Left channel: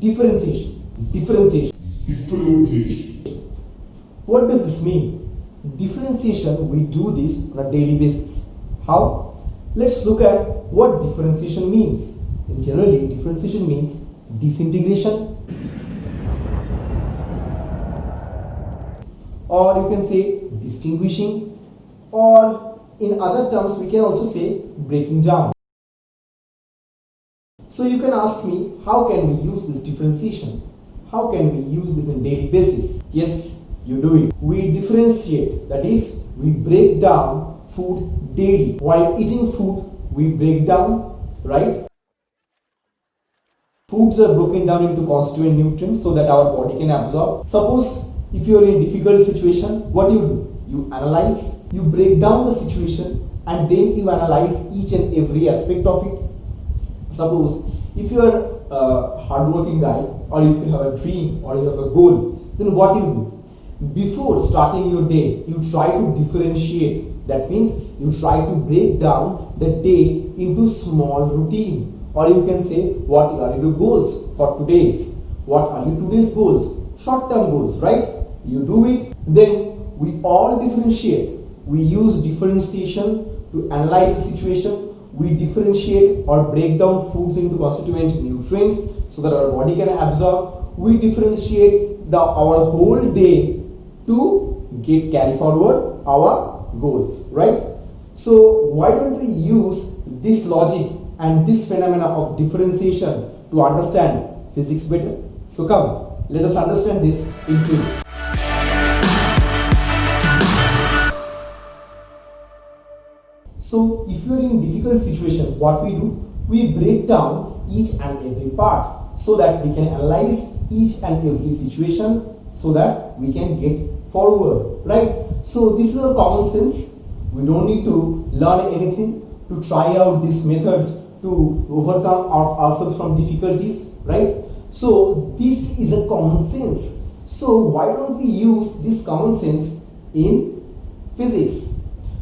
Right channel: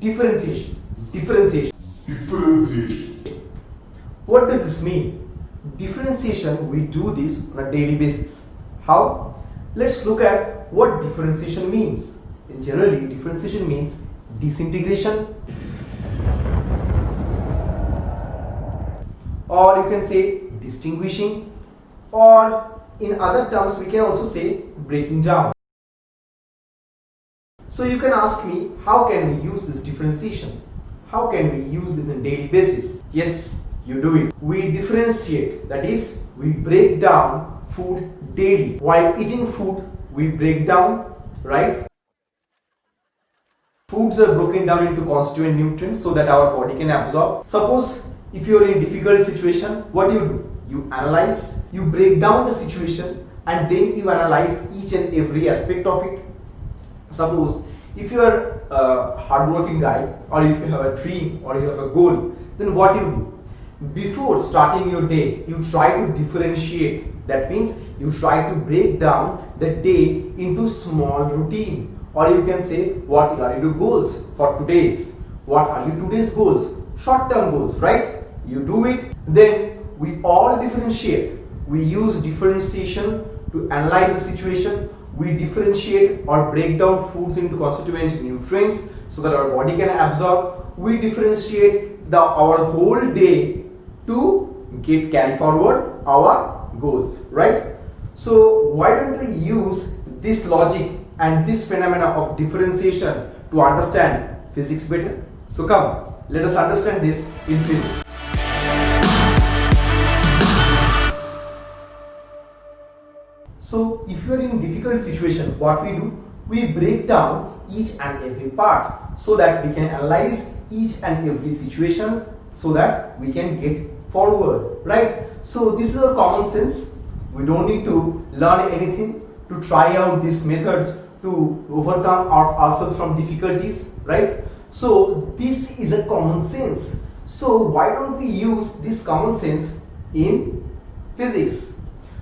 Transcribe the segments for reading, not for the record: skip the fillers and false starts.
Differentiation. Differentiation. What does this mean? Differentiation, we do this on a daily basis. How? Let's look at what differentiation means. And generally, differentiation means disintegration, or you can say distinguishing, or in other terms we can also say breaking down. So you can ask me, how can we use this differentiation? How can we use this on a daily basis? Yes, you do it. We differentiate, that is, we break down food daily. While eating food, we break down, right? Foods are broken down into constituent nutrients so that our body can absorb. Suppose if you are in a difficult situation, what do? You analyze, you break down the situation, and then you analyze each and every aspect of it. Suppose if you are a hardworking guy, or if you have a dream, or you have a goal, then what do? Before starting your day, you try to differentiate. That means you try to break down the day into small routine, or you can say, what are your goals for today's? What are your today's goals? Short-term goals, right? You do it. Then we all differentiate. We use differentiation to analyze the situation. We differentiate or break down foods into constituent nutrients so that our body can absorb. We differentiate our whole day to carry forward our goals, right? So why don't we use this logic and this phenomena of differentiation to understand physics better? So come, let us understand this in physics. So if you are in difficult situation, what we do? We break down each and every part so that we can analyze each and every situation so that we can get forward, right? So this is a common sense. We don't need to learn anything to try out these methods to overcome ourselves from difficulties, right? So this is a common sense. So why don't we use this common sense in physics?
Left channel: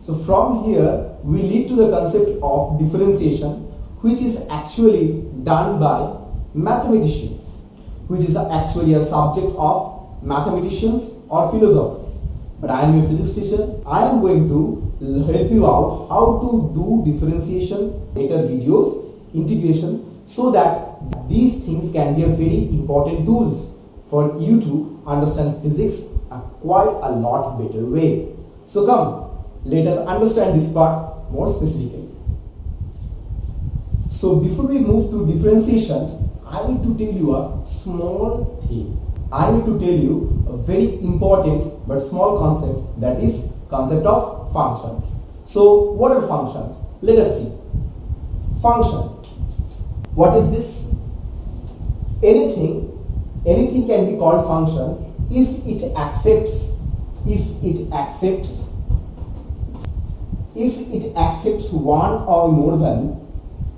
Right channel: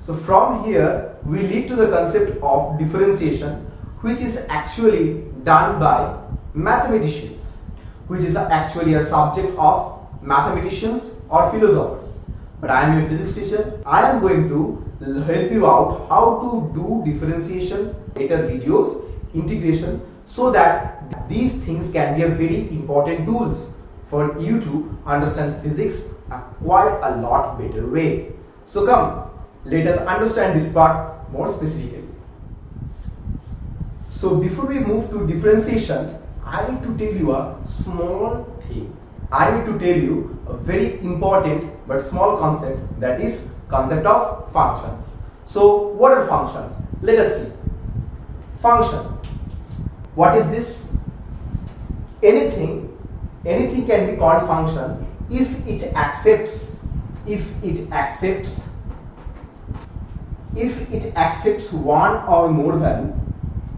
So from here we lead to the concept of differentiation, which is actually done by mathematicians, which is actually a subject of mathematicians or philosophers. But I am your physics teacher. I am going to help you out how to do differentiation, later videos, integration, so that these things can be a very important tools for you to understand physics quite a lot better way. So come, let us understand this part more specifically. So before we move to differentiation, I need to tell you a small thing. I need to tell you a very important but small concept, that is concept of functions. So what are functions? Let us see. Function. What is this? Anything can be called function if it accepts one or more value,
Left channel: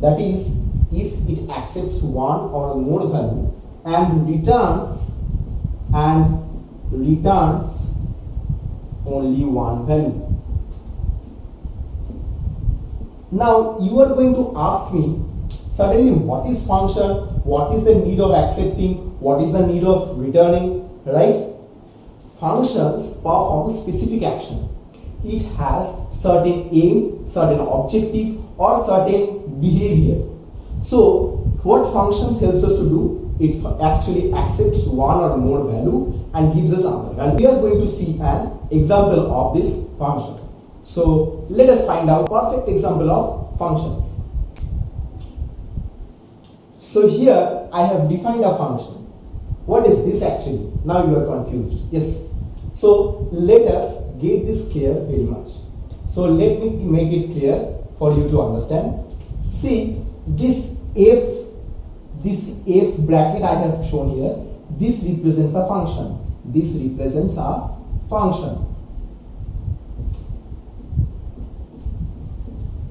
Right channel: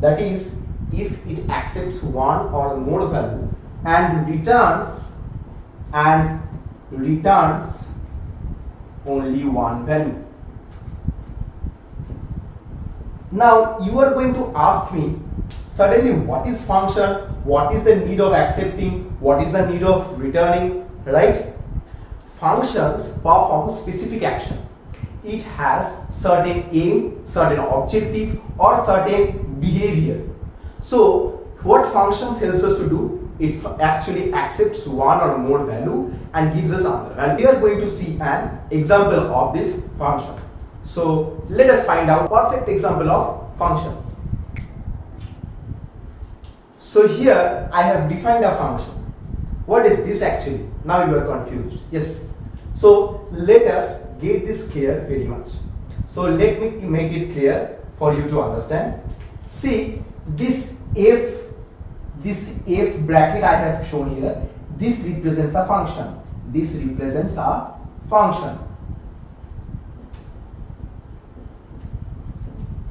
that is, if it accepts one or more value and returns only one value. Now you are going to ask me suddenly, what is function? What is the need of accepting? What is the need of returning, right? Functions perform specific action. It has certain aim, certain objective, or certain behavior. So what functions helps us to do? It actually accepts one or more value and gives us another value. We are going to see an example of this function. So let us find out perfect example of functions. So here I have defined a function. What is this actually? Now you are confused. Yes. So let us get this clear very much. So let me make it clear for you to understand. See, this f bracket I have shown here, this represents a function. This represents a function.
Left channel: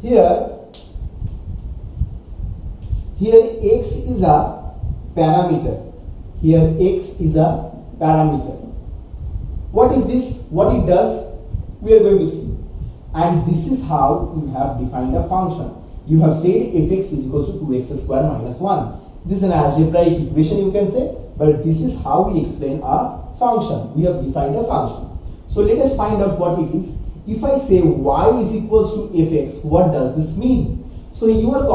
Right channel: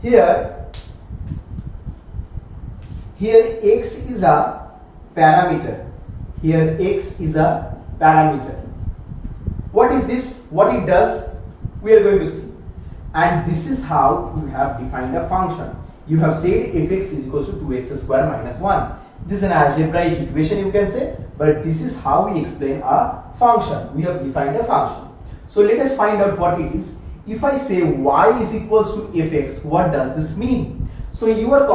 Here x is a parameter. Here x is a parameter. What is this? What it does? We are going to see. And this is how you have defined a function. You have said fx is equals to 2x square minus 1. This is an algebraic equation, you can say, but this is how we explain a function. We have defined a function. So let us find out what it is. If I say y is equals to fx, what does this mean? So you are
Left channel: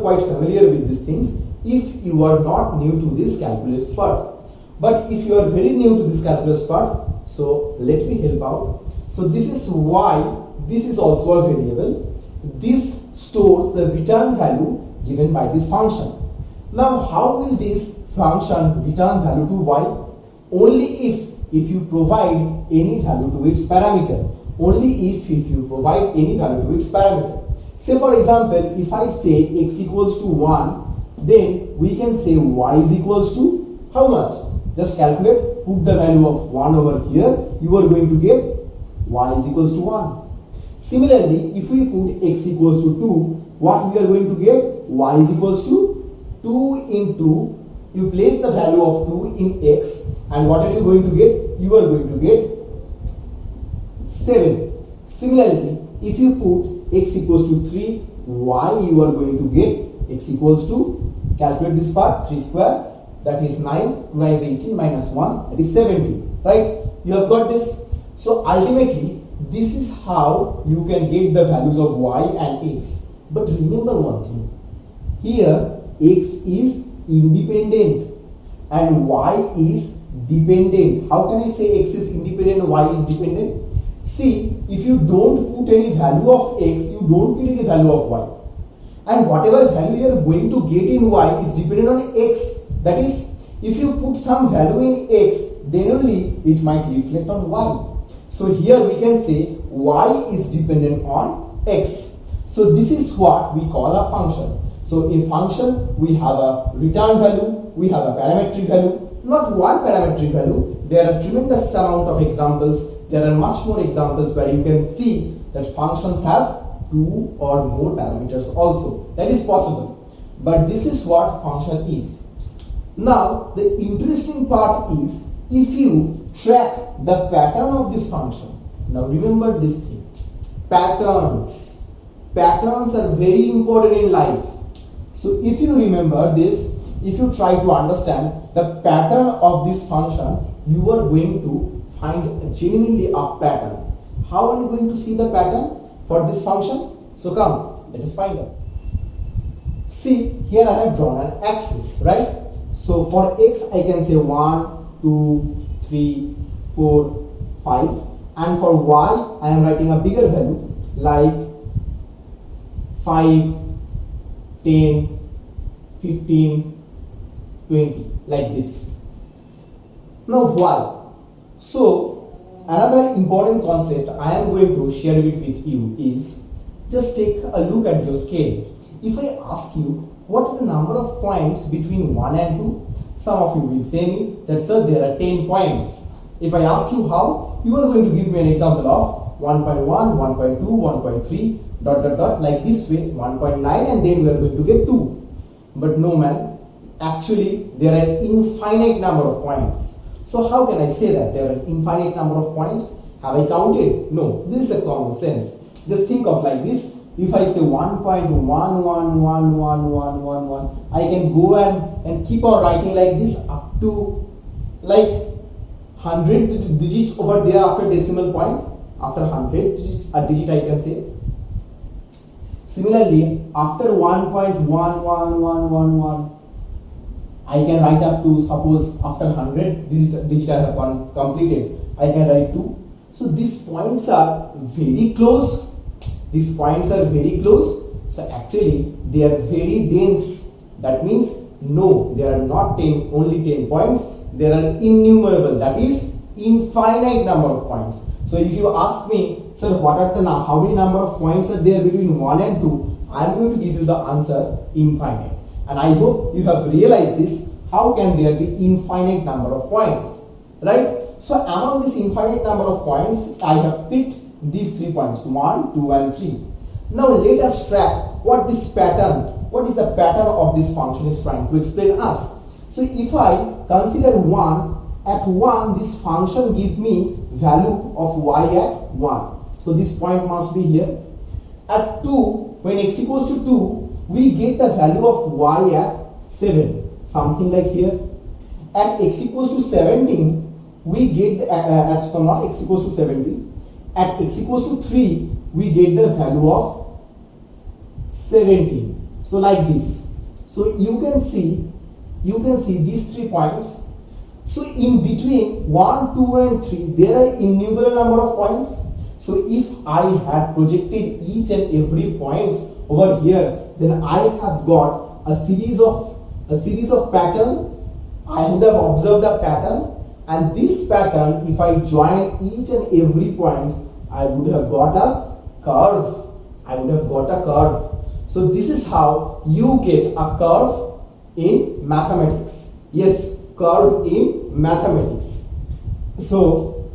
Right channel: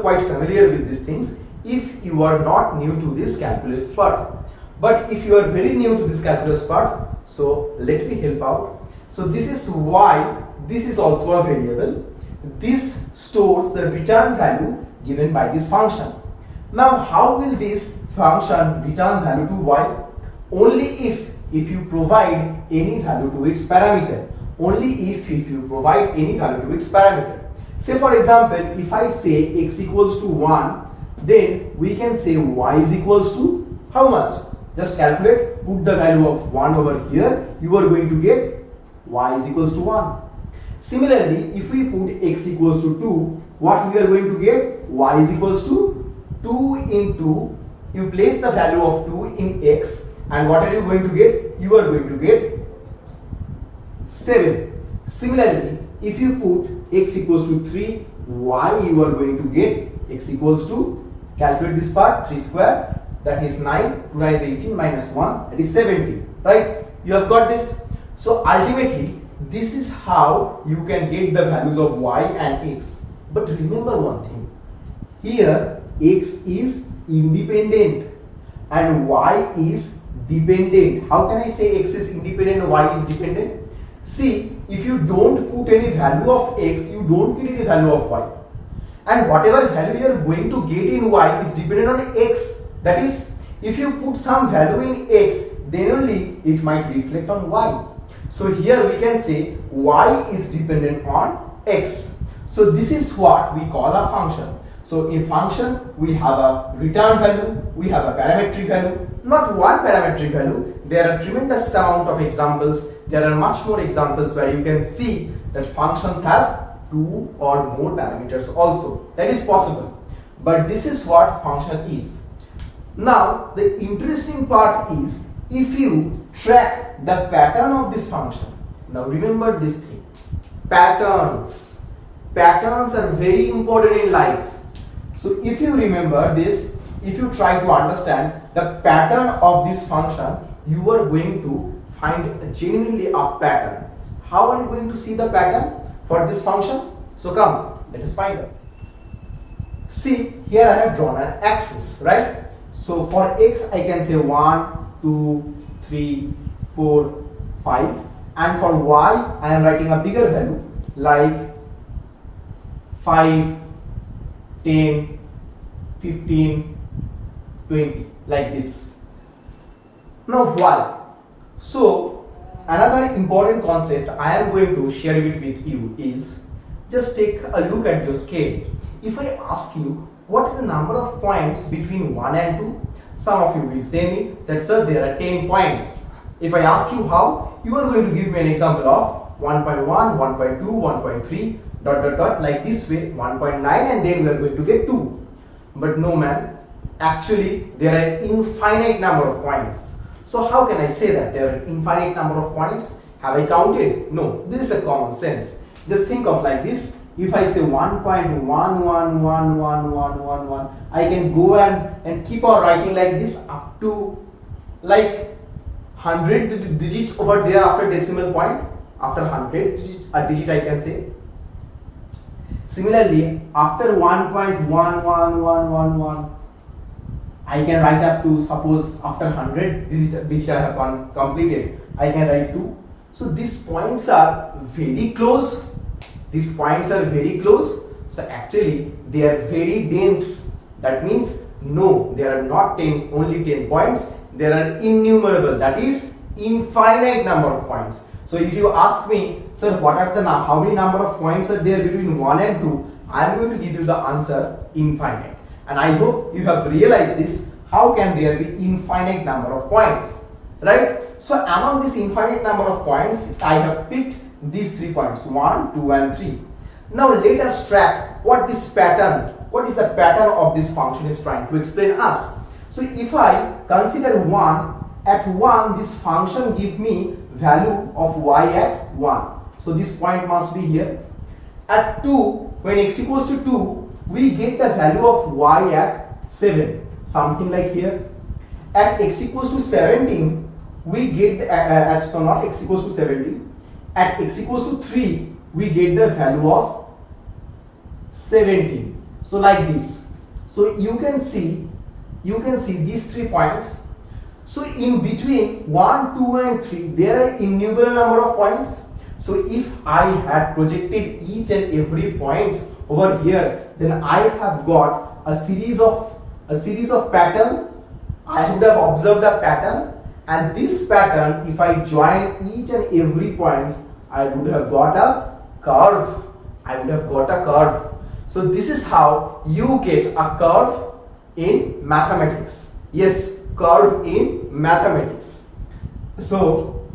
quite familiar with these things if you are not new to this calculus part. But if you are very new to this calculus part, so let me help out. So this is y, this is also a variable. This stores the return value given by this function. Now how will this function return value to y? Only if you provide any value to its parameter. Only if you provide any value to its parameter. Say for example, if I say x equals to 1, then we can say y is equals to how much? Just calculate, put the value of 1 over here, you are going to get y is equals to 1. Similarly, if we put x equals to 2, what we are going to get? Y is equals to 2 into, you place the value of 2 in x, and what are you going to get? You are going to get 7. Similarly, if you put x equals to 3, y you are going to get x equals to, calculate this part, 3 square, that is 9, 2 is 18 minus 1, that is 17, right? You have got this. So ultimately, this is how you can get the values of y and x. But remember one thing, here x is independent and y is dependent. How can I say x is independent and y is dependent? See, if you don't put any value of x, you don't get any value of y. And whatever value you are going to get in y is dependent on x. That is, if you put some value in x, then only it might reflect on y. So here we can say y is dependent on x. So this is what we call a function. So in function, we have a return value, we have a parametric value, not one parametric value. There are tremendous amount of examples. There are much more examples where you can see that functions have 2 or more parameters also. That is possible. But this is what function is. Now the interesting part is if you track the pattern of this function. Now remember this thing. Patterns. Patterns are very important in life. So if you remember this, if you try to understand the pattern of this function, you are going to find genuinely a pattern. How are you going to see the pattern for this function? So come, let us find out. See, here I have drawn an axis, right? So for x I can say 1, 2, 3, 4, 5, and for y I am writing a bigger value like 5, 10, 15, 20, like this. Now why? So another important concept I am going to share it with you is, just take a look at your scale. If I ask you what is the number of points between 1 and 2, some of you will say me that sir there are 10 points. If I ask you how, you are going to give me an example of 1.1, 1.2, 1.3, dot dot dot, like this way, 1.9, and then we are going to get 2. But no man, actually there are infinite number of points. So how can I say that there are infinite number of points? Have I counted? No, this is a common sense. Just think of like this. If I say 1.111111, I can go and keep on writing like this up to like 100 digits over there after decimal point. After 100 digits, a digit I can say. Similarly, after 1.11111, I can write up to, suppose after 100 digit I have completed, I can write 2. So these points are very close. These points are very close. So actually they are very dense. That means no, there are not 10, only 10 points. There are innumerable, that is infinite number of points. So if you ask me, sir, what are the how many number of points are there between 1 and 2, I am going to give you the answer infinite. And I hope you have realized this. How can there be infinite number of points, right? So among this infinite number of points, I have picked these 3 points, 1, 2 and 3. Now let us track what is the pattern of this function is trying to explain us. So if I consider 1, at 1 this function give me value of y at 1. So this point must be here. At 2, when x equals to 2, we get the value of y at 7, something like here. At x equals to 17, we get the, so not x equals to 17, at x equals to 3, we get the value of 17. So like this. So you can see these 3 points. So in between 1, 2 and 3, there are innumerable number of points. So if I had projected each and every points over here, then I have got a series of pattern. I would have observed the pattern, and this pattern, if I join each and every point, I would have got a curve. So this is how you get a curve in mathematics. Yes, curve in mathematics. So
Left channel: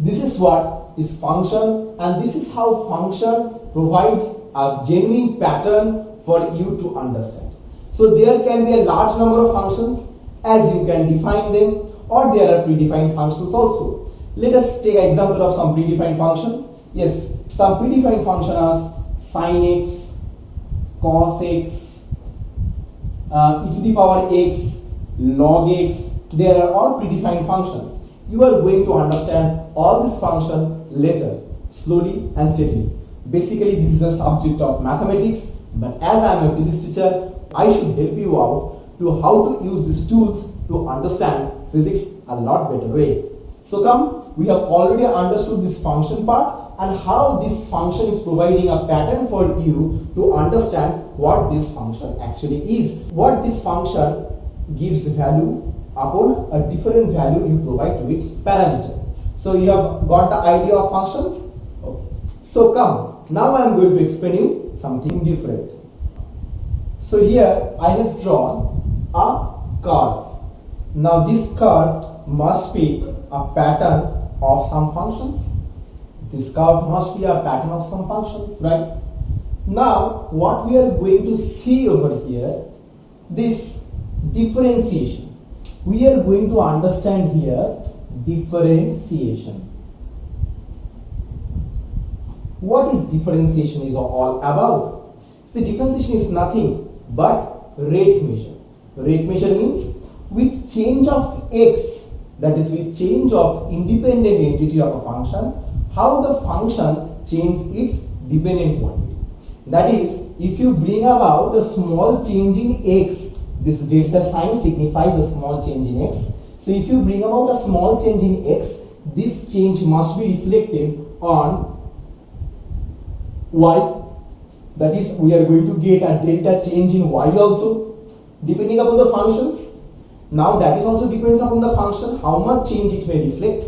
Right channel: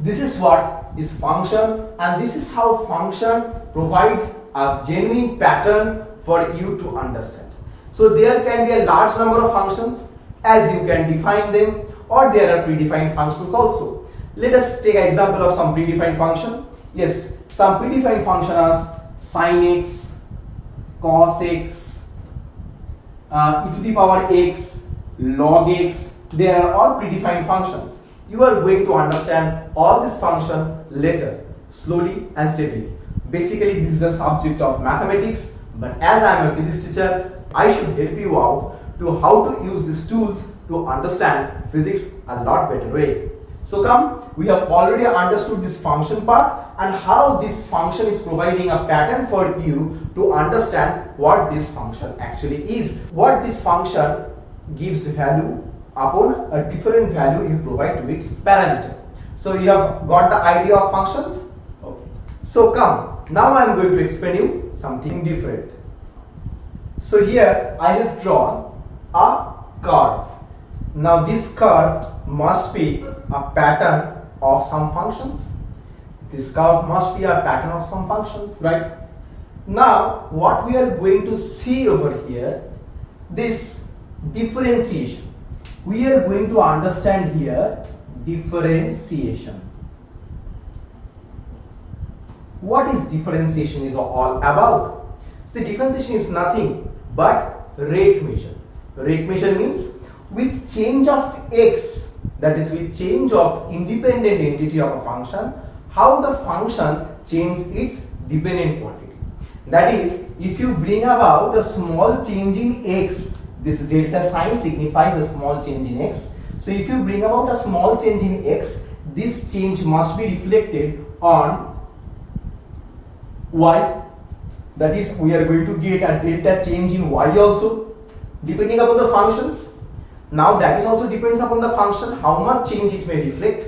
this is what is function, and this is how function provides a genuine pattern for you to understand. So there can be a large number of functions as you can define them, or there are predefined functions also. Let us take an example of some predefined function. Yes, some predefined function are sin x, cos x, e to the power x, log x. They are all predefined functions. You are going to understand all this function later, slowly and steadily. Basically, this is the subject of mathematics, but as I am a physics teacher, I should help you out to how to use these tools to understand physics a lot better way. So come, we have already understood this function part and how this function is providing a pattern for you to understand what this function actually is. What this function gives value upon a different value you provide to its parameter. So you have got the idea of functions? Okay. So come, now I am going to explain you something different. So here I have drawn a curve. Now this curve must be a pattern of some functions. This curve must be a pattern of some functions, right? Now what we are going to see over here, this differentiation. We are going to understand here differentiation. What is differentiation is all about? So the differentiation is nothing but rate measure. Rate measure means with change of x, that is with change of independent entity of a function, how the function changes its dependent quantity. That is, if you bring about the small change in x, this delta sign signifies a small change in x. So if you bring about a small change in x, this change must be reflected on y. That is, we are going to get a delta change in y also, depending upon the functions. Now that is also depends upon the function, how much change it may reflect.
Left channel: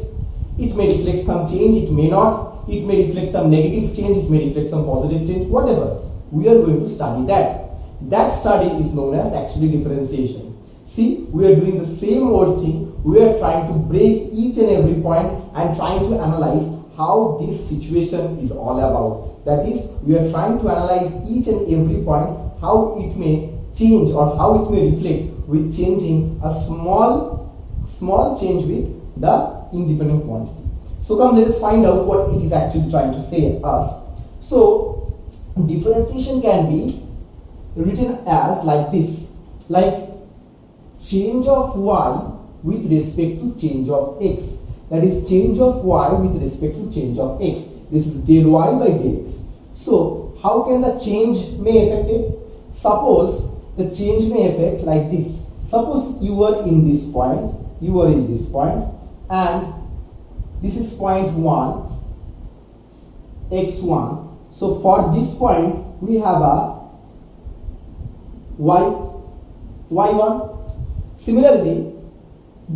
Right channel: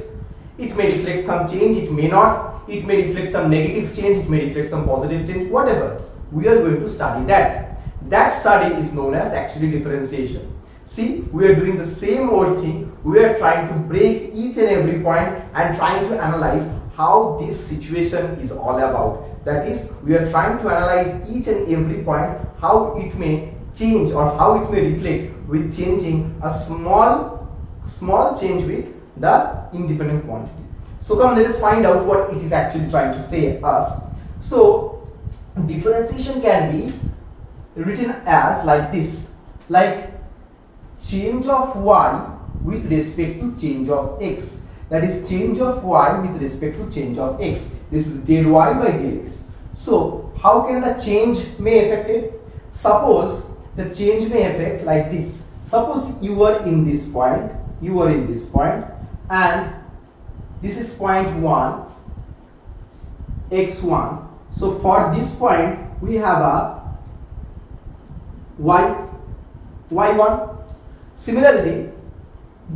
It may reflect some change, it may not. It may reflect some negative change, it may reflect some positive change, whatever. We are going to study that. That study is known as actually differentiation. See, we are doing the same old thing. We are trying to break each and every point and trying to analyze how this situation is all about. That is, we are trying to analyze each and every point, how it may change or how it may reflect with changing a small change with the independent quantity. So come, let us find out what it is actually trying to say us. So differentiation can be written as like this, like change of y with respect to change of x. That is change of y with respect to change of x. This is del y by del x. So how can the change may affect it? Suppose the change may affect like this. Suppose you are in this point, and this is point 1, x1. So for this point we have a y1. Similarly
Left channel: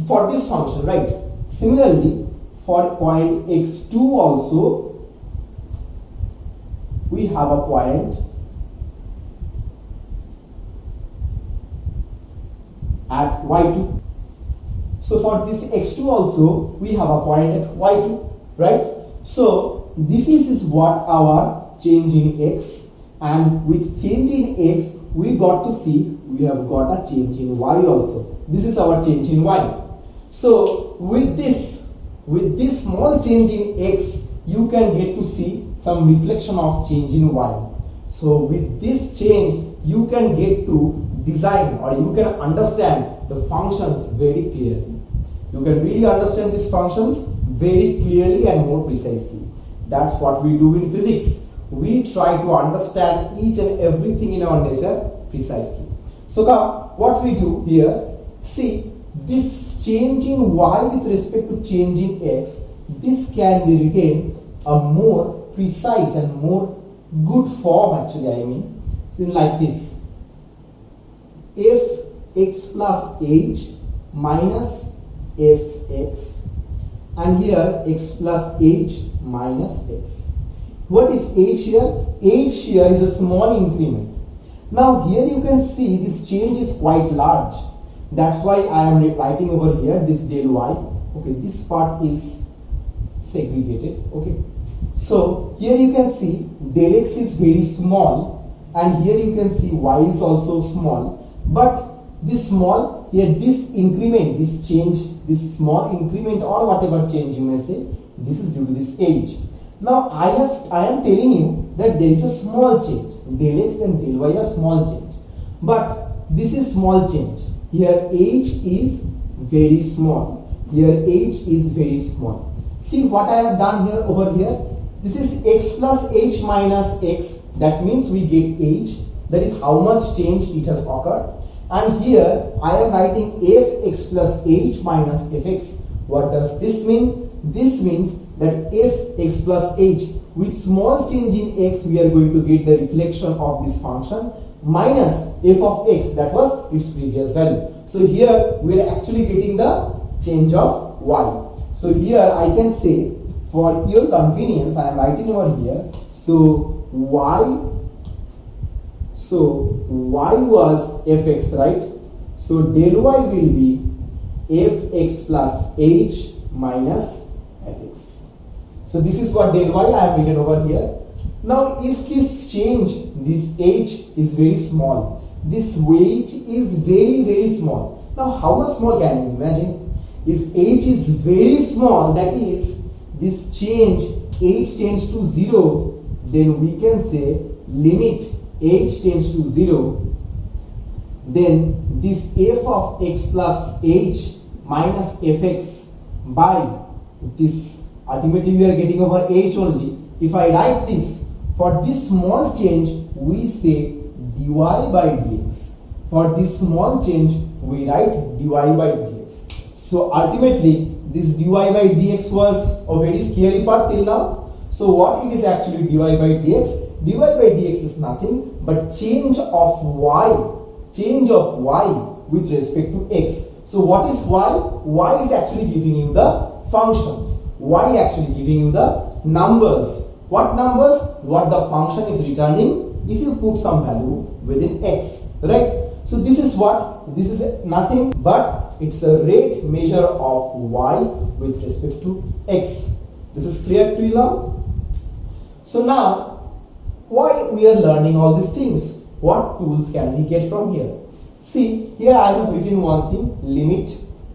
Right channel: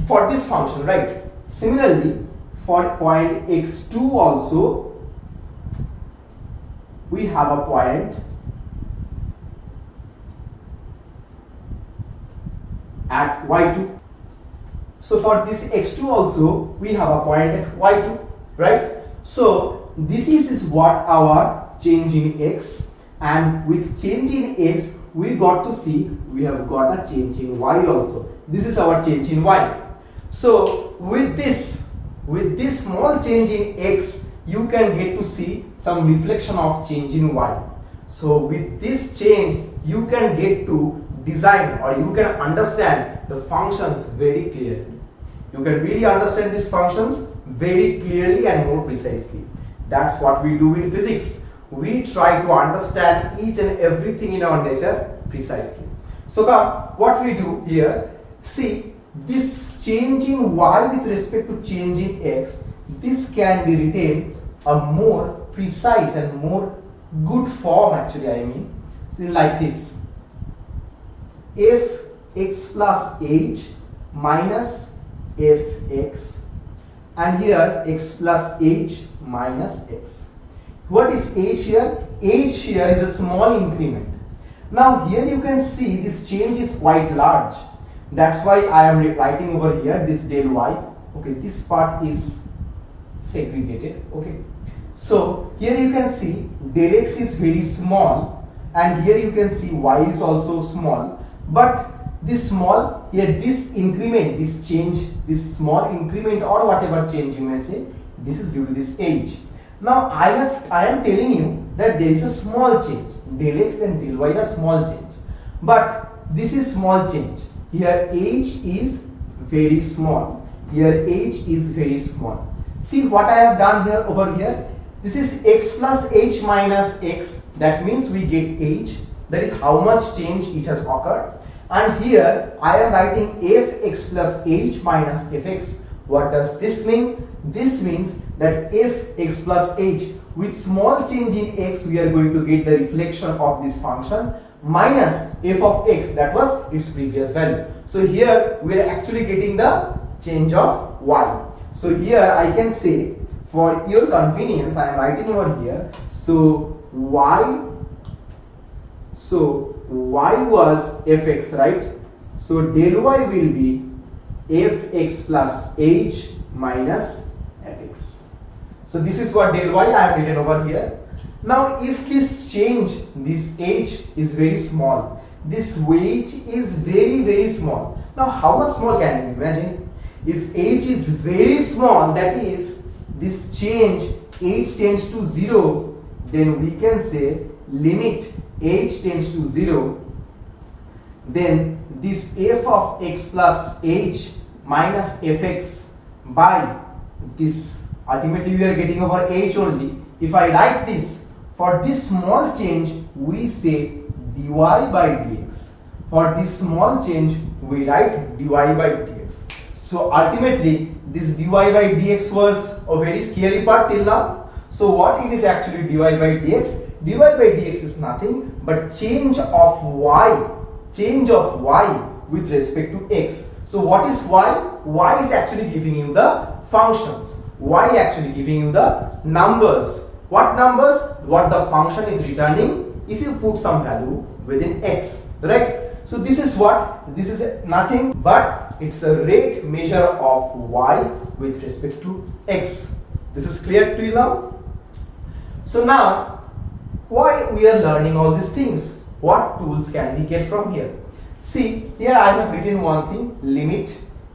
for this function, right? Similarly for point x2 also we have a point at y2. So for this x2 also we have a point at y2, right? So this is what our change in x, and with change in x we got to see we have got a change in y also. This is our change in y. So with this small change in x, you can get to see some reflection of change in y. So with this change you can get to design or you can understand the functions very clearly. You can really understand these functions very clearly and more precisely. That's what we do in physics. We try to understand each and everything in our nature precisely. So come, what we do here, see this change in y with respect to change in x, this can be written a more precise and more good form actually, I mean. So like this, fx plus h minus fx, and here x plus h minus x. What is h here? H here is a small increment. Now here you can see this change is quite large. That's why I am writing over here this del y. Okay, this part is segregated. Okay, so here you can see del x is very small, and here you can see y is also small. But this small here, this increment, this change, this small increment or whatever change you may say, this is due to this h. Now I am telling you that there is a small change. Del x and del y are small change, but this is small change. Here h is very small. Here h is very small. See what I have done here over here. This is x plus h minus x. That means we get h. That is how much change it has occurred. And here I am writing fx plus h minus fx. What does this mean? This means that fx plus h, with small change in x we are going to get the reflection of this function minus f of x, that was its previous value. So here we are actually getting the change of y. So here I can say, for your convenience I am writing over here, so y was fx, right? So del y will be fx plus h minus fx. So this is what del y I have written over here. Now if this change, this h is very small, this h is very small. Now how much small can you imagine? If h is very small, that is this change h tends to 0, then we can say limit h tends to 0, then this f of x plus h minus fx by this, ultimately we are getting over h only. If I write this, for this small change we say dy by dx. For this small change we write dy by dx. So ultimately this dy by dx was a very scary part till now. So what it is actually dy by dx? Dy by dx is nothing but change of y with respect to x. So what is y? Y is actually giving you the functions. Y actually giving you the numbers. What numbers? What the function is returning if you put some value within x, right? So this is what? This is nothing but it's a rate measure of y with respect to x. This is clear to you now? So now, why we are learning all these things? What tools can we get from here? See, here I have written one thing, limit.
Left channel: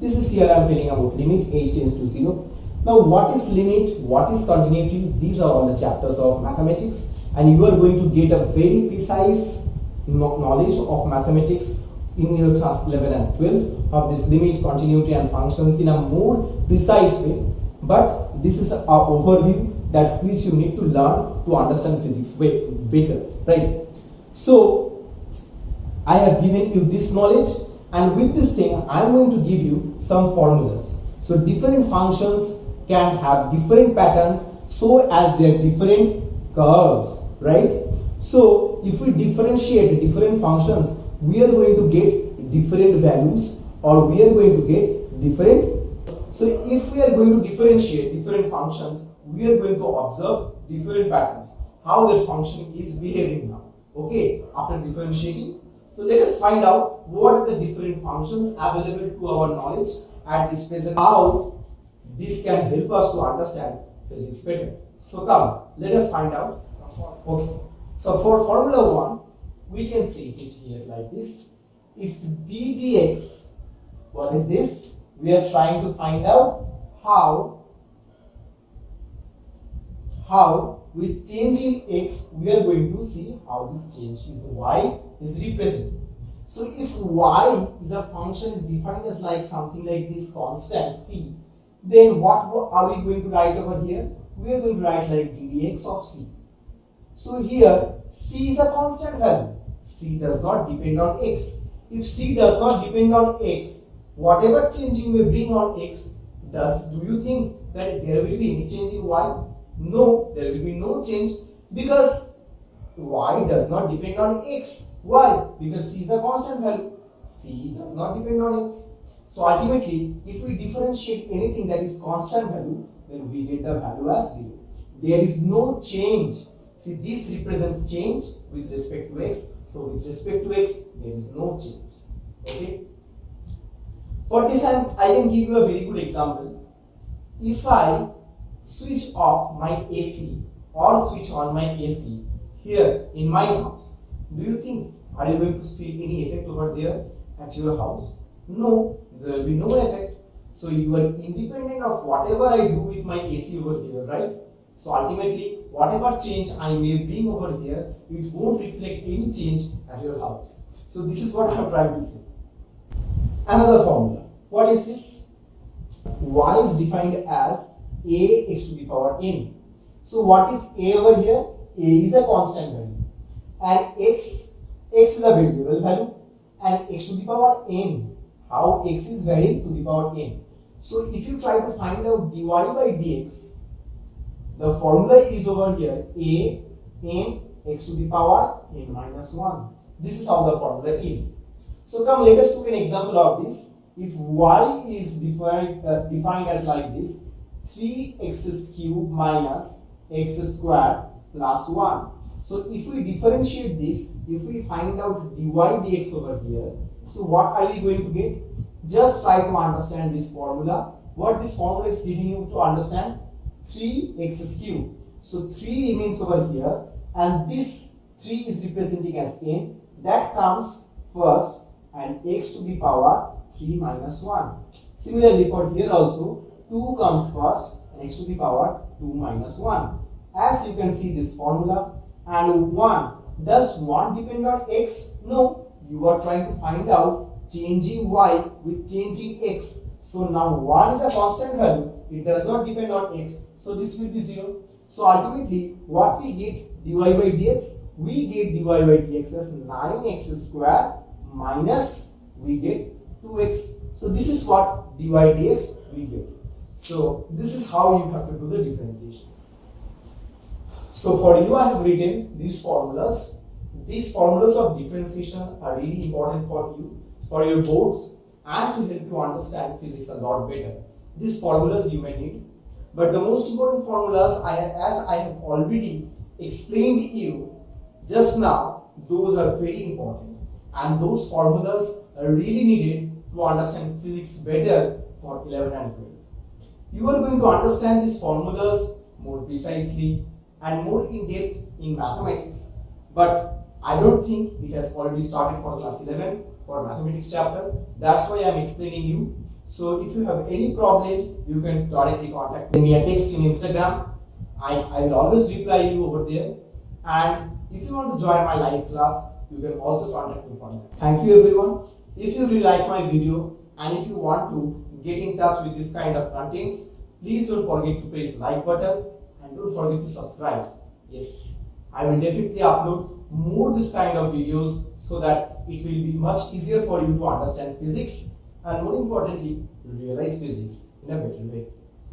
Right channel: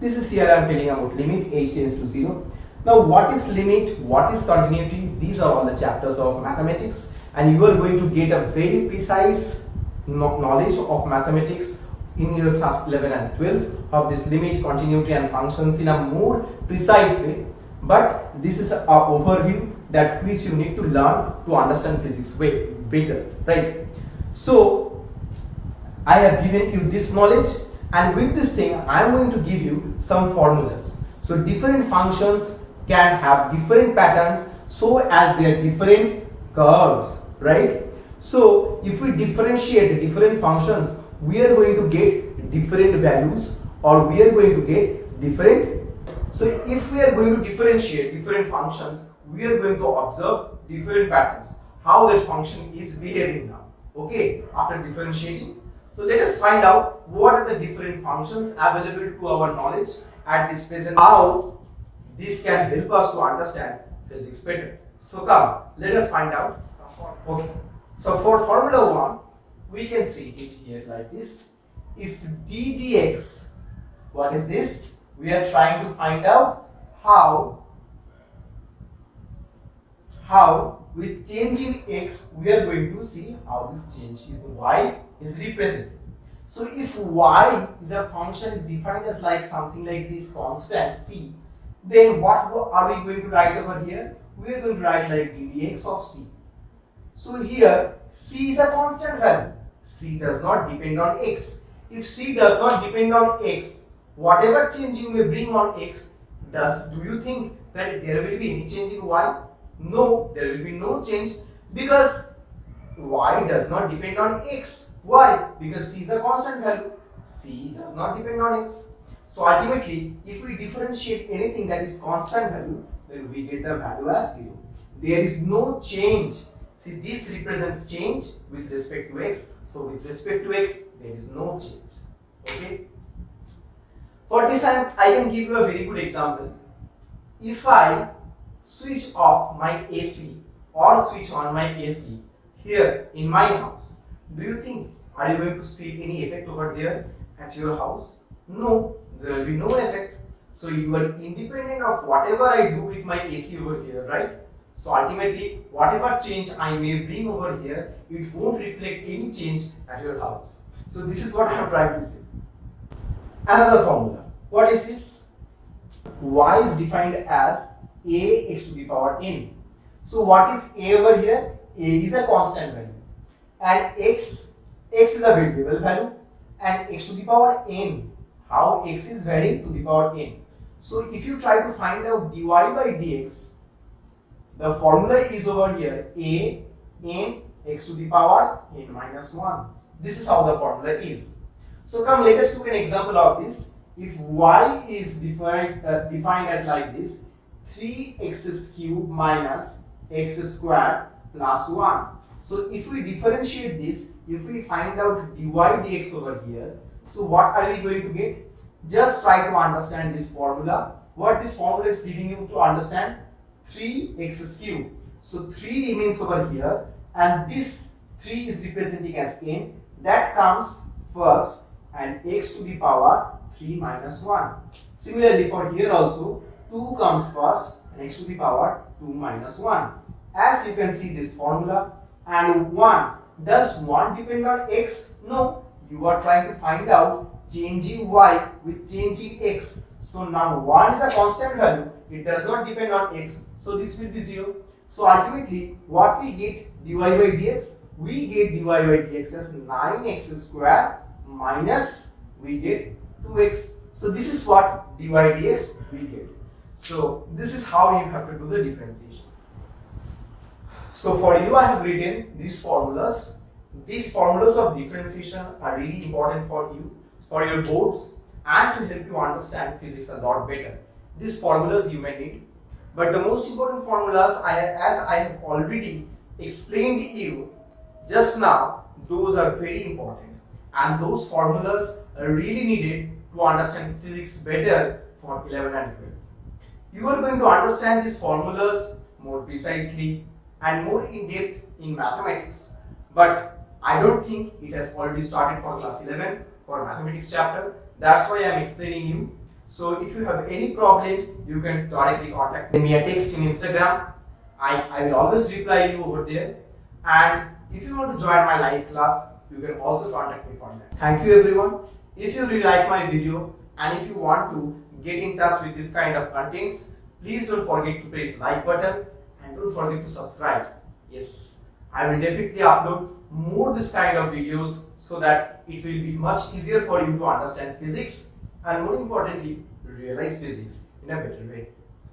This is here I am telling about limit h tends to 0. Now what is limit? What is continuity? These are all the chapters of mathematics, and you are going to get a very precise knowledge of mathematics in your class 11 and 12 of this limit, continuity and functions in a more precise way. But this is an overview that which you need to learn to understand physics way better, right? So I have given you this knowledge, and with this thing I am going to give you some formulas. So different functions can have different patterns so as they are different curves, right? So if we differentiate different functions, we are going to get different values, or we are going to get different. So if we are going to differentiate different functions, we are going to observe different patterns, how that function is behaving now. Okay, after differentiating. So let us find out what are the different functions available to our knowledge at this present, how this can help us to understand physics better. So come, let us find out. Okay, so for formula 1, we can see it here like this. If d dx, what is this? We are trying to find out how with change in x we are going to see how this change is y is represented. So if y is a function is defined as like something like this constant c, then what are we going to write over here? We are going to write like ddx of c. So here c is a constant value. C does not depend on x. If c does not depend on x, whatever change you may bring on x, do you think that there will be any change in y? No, there will be no change, because y does not depend on x. Why? Because c is a constant value. C does not depend on x. So ultimately, if we differentiate anything that is constant value, then we get the value as 0. There is no change. See, this represents change with respect to x. So with respect to x, there is no change. Okay. For this, I can give you a very good example. If I switch off my AC or switch on my AC here in my house, do you think are you going to feel any effect over there at your house? No, there will be no effect. So you are independent of whatever I do with my AC over here, right? So ultimately, whatever change I may bring over here, it won't reflect any change at your house. So this is what I am trying to say. Another formula. What is this? Y is defined as a x to the power n. So what is a over here? A is a constant value, and x is a variable value, and x to the power n, how x is varying to the power n. So if you try to find out dy by dx, the formula is over here a n x to the power n minus 1. This is how the formula is. So come, let us take an example of this. If y is defined as like this, 3x cubed minus x squared plus 1. So if we differentiate this, if we find out dy dx over here, so what are we going to get? Just try to understand this formula. What this formula is giving you to understand, 3x cubed. So 3 remains over here, and this 3 is representing as n. That comes first, and x to the power 3 minus 1. Similarly for here also, 2 comes first and x to the power 2 minus 1. As you can see this formula, and 1. Does 1 depend on x? No. You are trying to find out changing y with changing x. So now 1 is a constant value. It does not depend on x. So this will be 0. So ultimately, what we get dy by dx? We get dy by dx as 9x square minus we get 2x. So this is what dy dx we get. So this is how you have to do the differentiation. So for you, I have written these formulas. These formulas of differentiation are really important for you, for your boards, and to help you understand physics a lot better. These formulas you may need, but the most important formulas, as I have already explained to you just now, those are very important, and those formulas are really needed to understand physics better for 11 and 12. You are going to understand these formulas more precisely and more in depth in mathematics, but I don't think it has already started for class 11 for mathematics chapter. That's why I am explaining you. So if you have any problem, you can directly contact me a text in Instagram. I will always reply you over there. And if you want to join my live class, you can also contact me for that. Thank you everyone. If you really like my video and if you want to get in touch with this kind of contents, please don't forget to press like button and don't forget to subscribe. Yes, I will definitely upload more this kind of videos so that it will be much easier for you to understand physics and more importantly realize physics in a better way.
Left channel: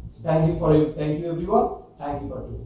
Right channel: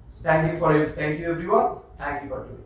So thank you everyone. Thank you for today.